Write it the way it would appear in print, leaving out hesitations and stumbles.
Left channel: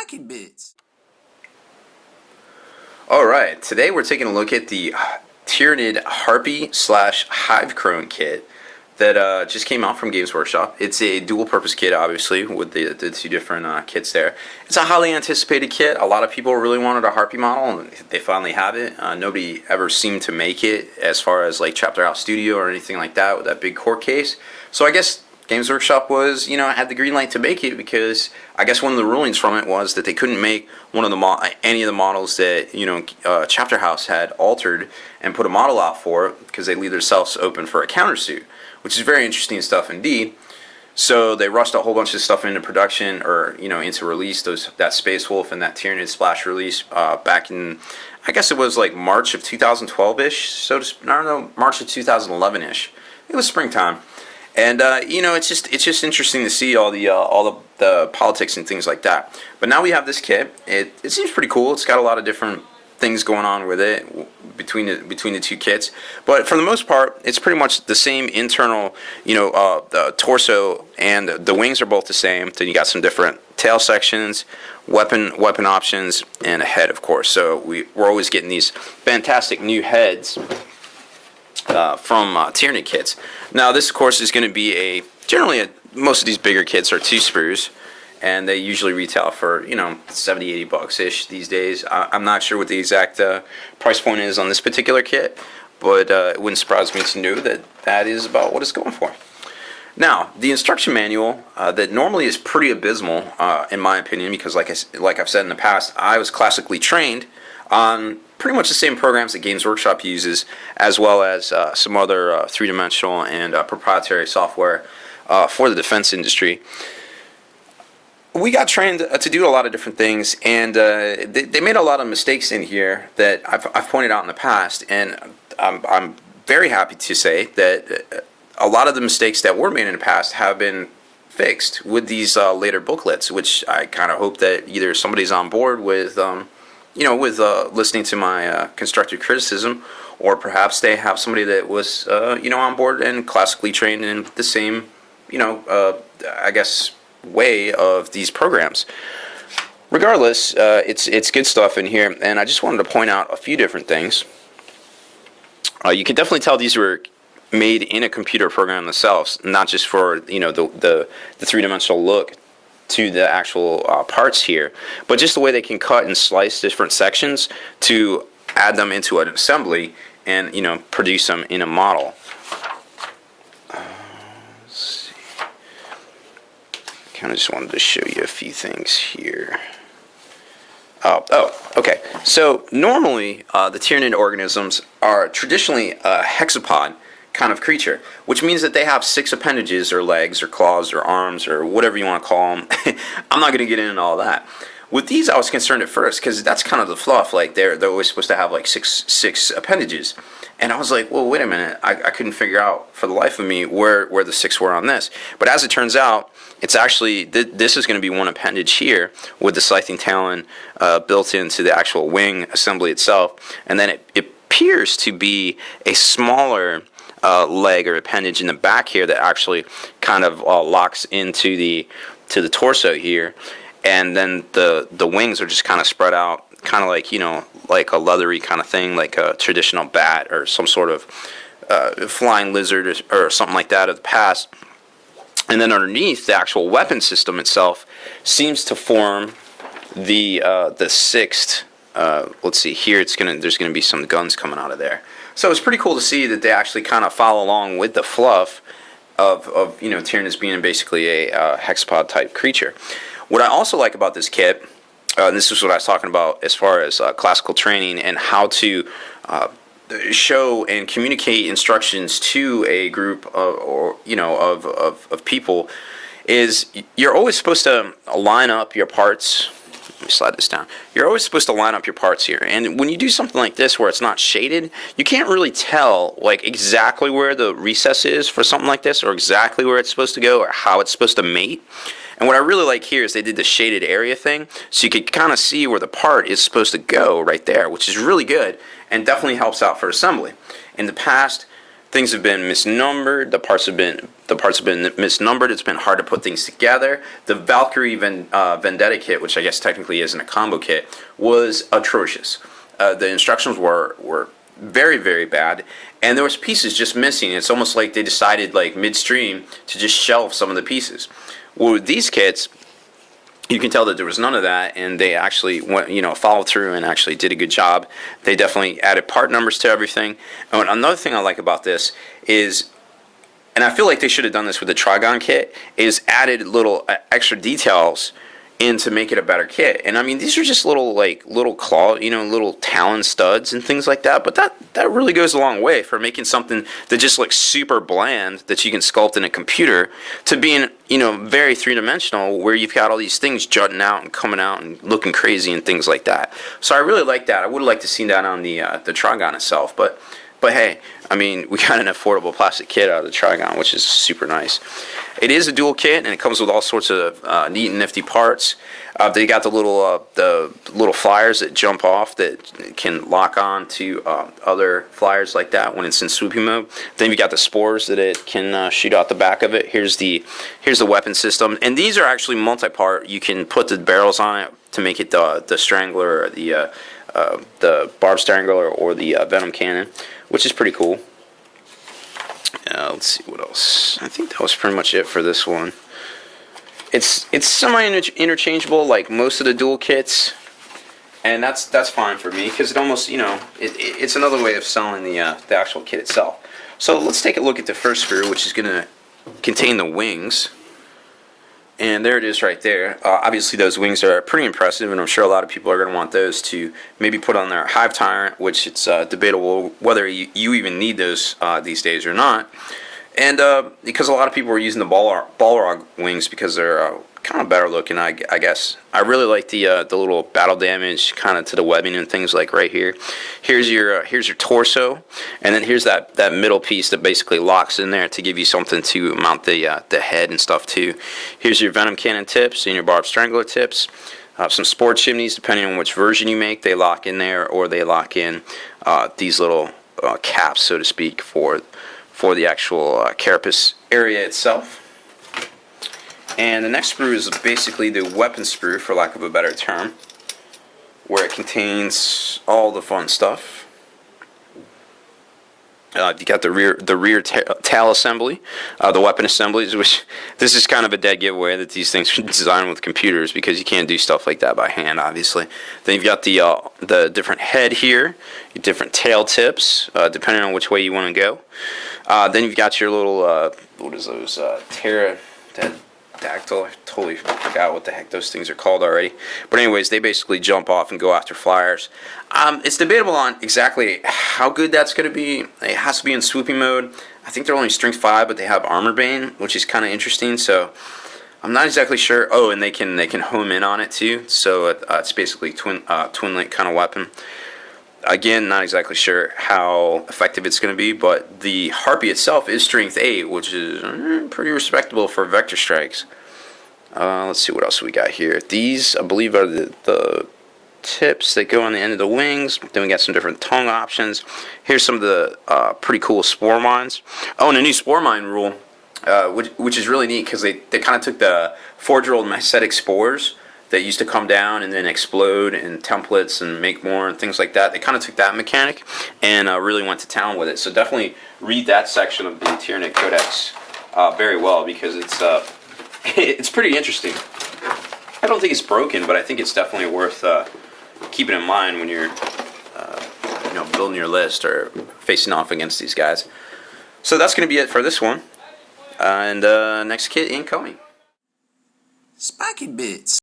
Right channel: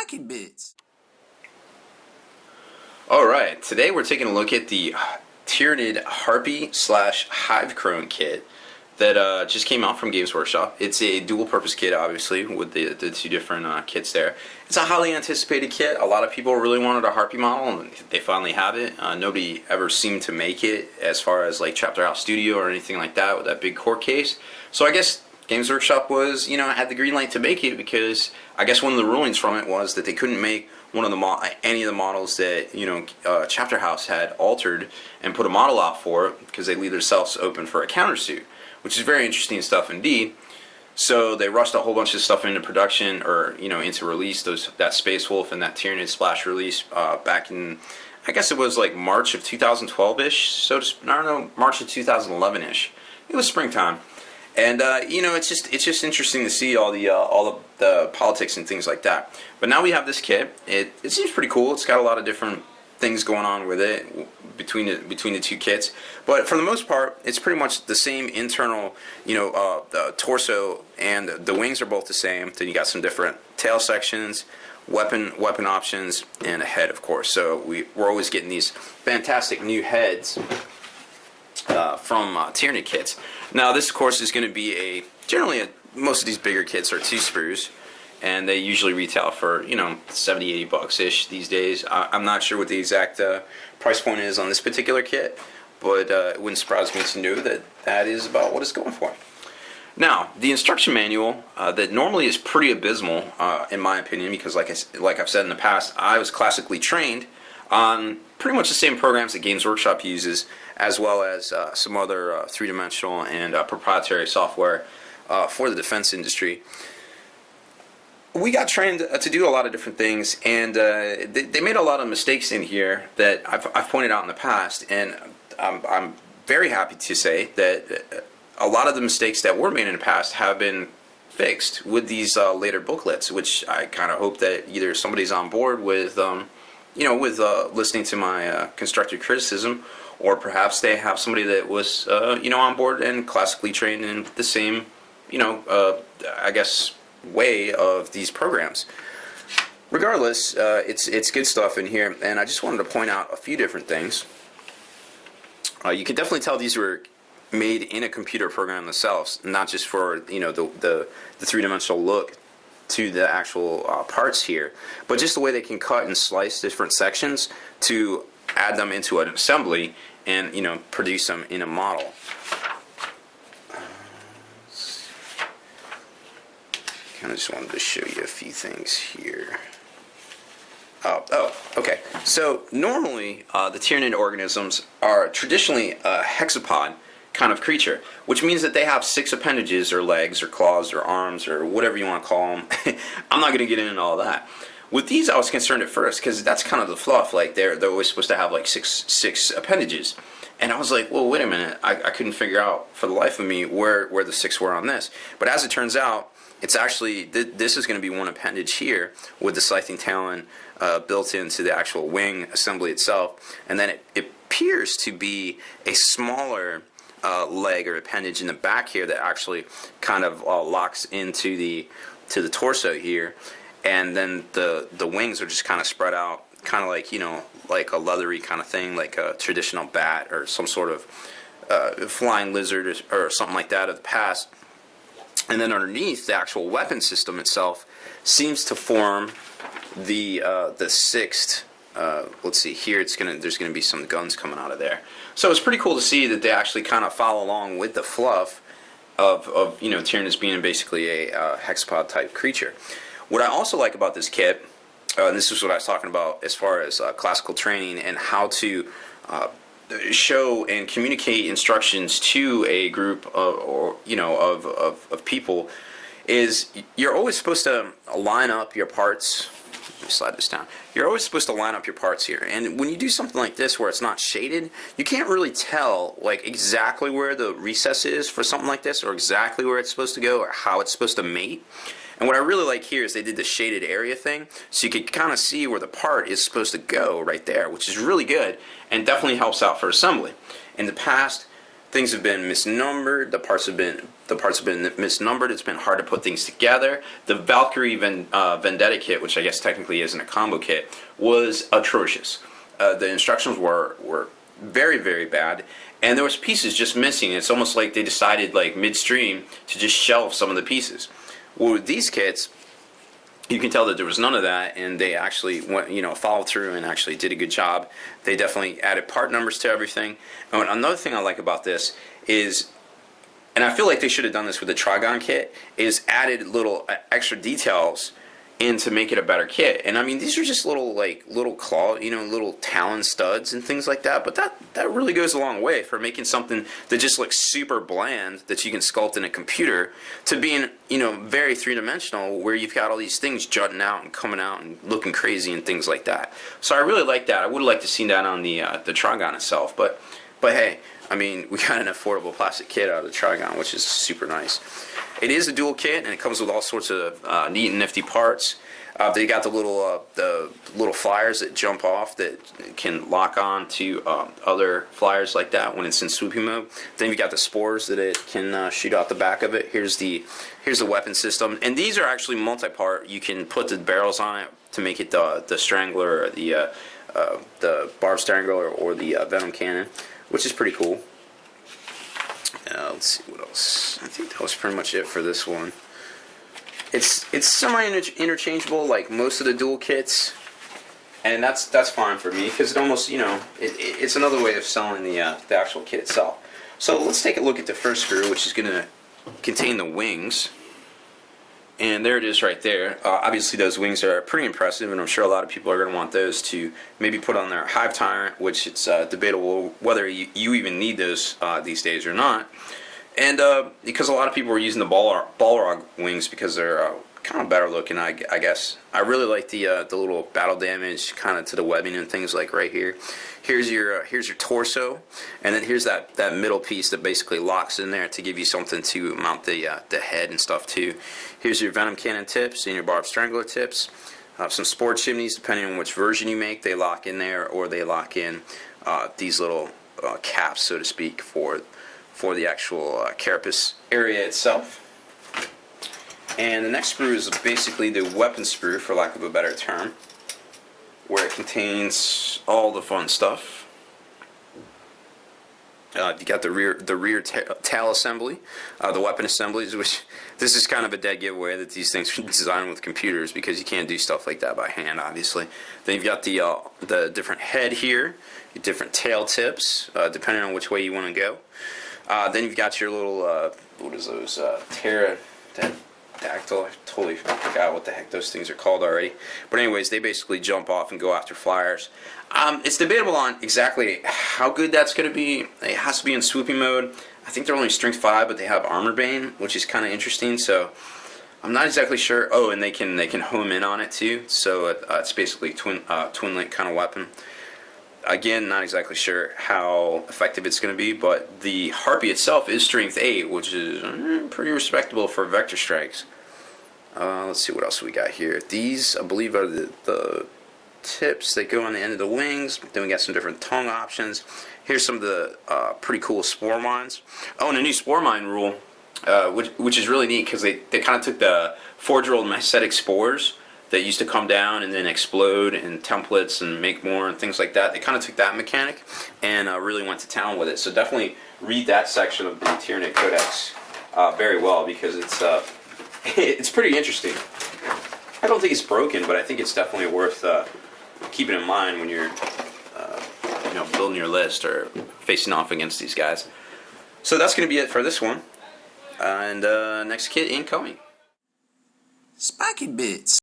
liking bits. Alright, today we're taking a look at the Tyranid Harpy slash Hive Crone kit that just came out from Games Workshop. It's a dual purpose kit, obviously, with the two different kits there. It's a highly anticipated kit. A lot of people really wanted a Harpy model, and they finally have it. Nobody ever seemed to make it as far as like Chapter House Studio or anything like that with that big core case. So I guess Games Workshop was, had the green light to make it, because I guess one of the rulings from it was that they couldn't make one of the any of the models that Chapter House had altered and put a model out for, because they leave themselves open for a countersuit, which is very interesting stuff indeed. So they rushed a whole bunch of stuff into production, or into release. That Space Wolf and that Tyranid Splash release back in, I guess it was like March of 2012-ish. So I don't know, March of 2011-ish. It was springtime. And it's just interesting to see all the politics and things like that. But now we have this kit. It seems pretty cool. It's got a lot of different things going on with it between the two kits. But for the most part, it's pretty much the same internal. The torso and the wings are both the same. Then you got some different tail sections, weapon options, and a head, of course. So we're always getting these fantastic new heads from Tyranid kits. Now this, of course, is going to be most of these bigger kits are 2 sprues, and they usually retail for $70-80 ish these days. I'm not sure what the exact price point is on this particular kit, but it wouldn't surprise me to know that is about what it's going for. Now, the instruction manual that normally is pretty abysmal, in my opinion, because like I've said in the past, I was classically trained on pretty much the same programs that Games Workshop uses, as well as some other three-dimensional and proprietary software for the defense industry. We got trained to do a lot of different things, and they made a lot of mistakes in here that I've pointed out in the past, and I'm very happy to say that a lot of the mistakes that were made in the past have been fixed with these later booklets, which I kind of hope that either somebody's on board with listening to my constructive criticism, or perhaps they have somebody that was, on board and classically trained in the same, I guess, way of these programs. Regardless, it's good stuff in here, and I just wanted to point out a few different things. You can definitely tell these were made in a computer program themselves, not just for the three-dimensional look to the actual parts here, but just the way they can cut and slice different sections to add them into an assembly and produce them in a model. Kind of just wanted to show you a few things here. Okay. So normally the Tyranid organisms are traditionally a hexapod kind of creature, which means that they have 6 appendages, or legs, or claws, or arms, or whatever you want to call them. I'm not going to get into all that. With these, I was concerned at first, because that's kind of the fluff. Like they're always supposed to have like six appendages, and I was like, well, wait a minute. I couldn't figure out for the life of me where the 6 were on this. But as it turns out, it's actually this is going to be one appendage here with the scything talon built into the actual wing assembly itself, and then it appears to be a smaller leg or appendage in the back here that actually kind of locks into the torso here, and then the wings are just kind of spread out, kind of like like a leathery kind of thing, like a traditional bat or some sort of flying lizard or something like that of the past. And then underneath, the actual weapon system itself seems to form the 6th. Let's see here. There's gonna be some guns coming out of there. So it's pretty cool to see that they actually kind of follow along with the fluff of Tyranids being basically a hexapod type creature. What I also like about this kit, and this is what I was talking about as far as classical training and how to show and communicate instructions to a group of people, is you're always supposed to line up your parts. Let me slide this down. You're always supposed to line up your parts here, and when you do something like this where it's not shaded, you can't really tell like exactly where the recess is for something like this, or exactly where it's supposed to go, or how it's supposed to mate. And what I really like here is they did the shaded area thing, so you could kind of see where the part is supposed to go right there, which is really good and definitely helps out for assembly. In the past, things have been misnumbered. The parts have been misnumbered. It's been hard to put things together. The Valkyrie Vendetta kit, which I guess technically isn't a combo kit, was atrocious. The instructions were very, very bad, and there was pieces just missing. It's almost like they decided, like midstream, to just shelve some of the pieces. Well, with these kits, you can tell that there was none of that, and they actually went, followed through and actually did a good job. They definitely added part numbers to everything. And another thing I like about this is, and I feel like they should have done this with the Trigon kit, is added little extra details in to make it a better kit. And I mean, these are just little claw, little talon studs and things like that. But that really goes a long way for making something that just looks super bland that you can sculpt in a computer to being, very three-dimensional, where you've got all these things jutting out and coming out and looking crazy and things like that. So I really like that. I would have liked to see that on the Trigon itself, but hey, I mean, we got an affordable plastic kit out of the Trigon, which is super nice. It is a dual kit, and it comes with all sorts of neat and nifty parts. They got the little flyers that jump off that can lock on to other flyers like that when it's in swooping mode. Then you got the spores that it can shoot out the back of it. Here's the weapon system, and these are actually multi-part. You can put the barrels on it to make it the strangler, or the barb strangler, or the venom cannon, which is pretty cool. Let's see what else. I think that was pretty much it for this one. It's semi-interchangeable like most of the dual kits, and that's fine for me because it almost it's another way of selling the actual kit itself. So let's take a look at the first screw, which is going to contain the wings. And there it is right there. Obviously those wings are pretty impressive, and I'm sure a lot of people are going to want those to maybe put on their Hive Tyrant, which it's debatable whether you even need those these days or not. And because a lot of people are using the Balrog wings because they're kind of better looking, I guess. I really like the little battle damage kind of to the webbing and things like right here. Here's your torso, and then here's that middle piece that basically locks in there to give you something to mount the head and stuff too. Here's your venom cannon tips and your barb strangler tips. Some spore chimneys, depending on which version you make, they lock in there, or they lock in these little caps, so to speak, for the actual carapace area itself. And the next sprue is basically the weapon sprue, for lack of a better term, where it contains all the fun stuff. You got the rear tail assembly, the weapon assemblies, which this is kind of a dead giveaway that these things are designed with computers because you can't do stuff like that by hand, obviously. Then you've got the different head here, your different tail tips, depending on which way you want to go. Then you've got your little, what is those, pterodactyl, I totally forgot what the heck those things are called already. But anyways, they basically jump off and go after flyers. It's debatable on exactly how good that's going to be. It has to be in swooping mode. I think they're only strength 5, but they have armor bane, which is kind of interesting, so I'm not exactly sure. Oh, and they can home in on it too, so it's basically twin link kind of weapon. Again, not exactly sure how effective it's going to be, but the Harpy itself is strength 8, which is pretty respectable for vector strikes. Let's see what else we got here. These, I believe, are the tips that go on the end of the wings. Then we got some different tongue options. Here's some of the pretty cool spore mines. Oh, and a new spore mine rule, which is really neat because they kind of took the forge-rolled mycetic spores that used to come down and then explode in templates and make more and things like that. They kind of took that mechanic and really went to town with it. So definitely read that section of the Tyranid Codex very well because it's pretty interesting. I don't think it's broken, but I think it's definitely worth keeping in mind when you're building your list or facing off against these guys. So that's going to be it for this one. And next kit incoming. Spiky Bits.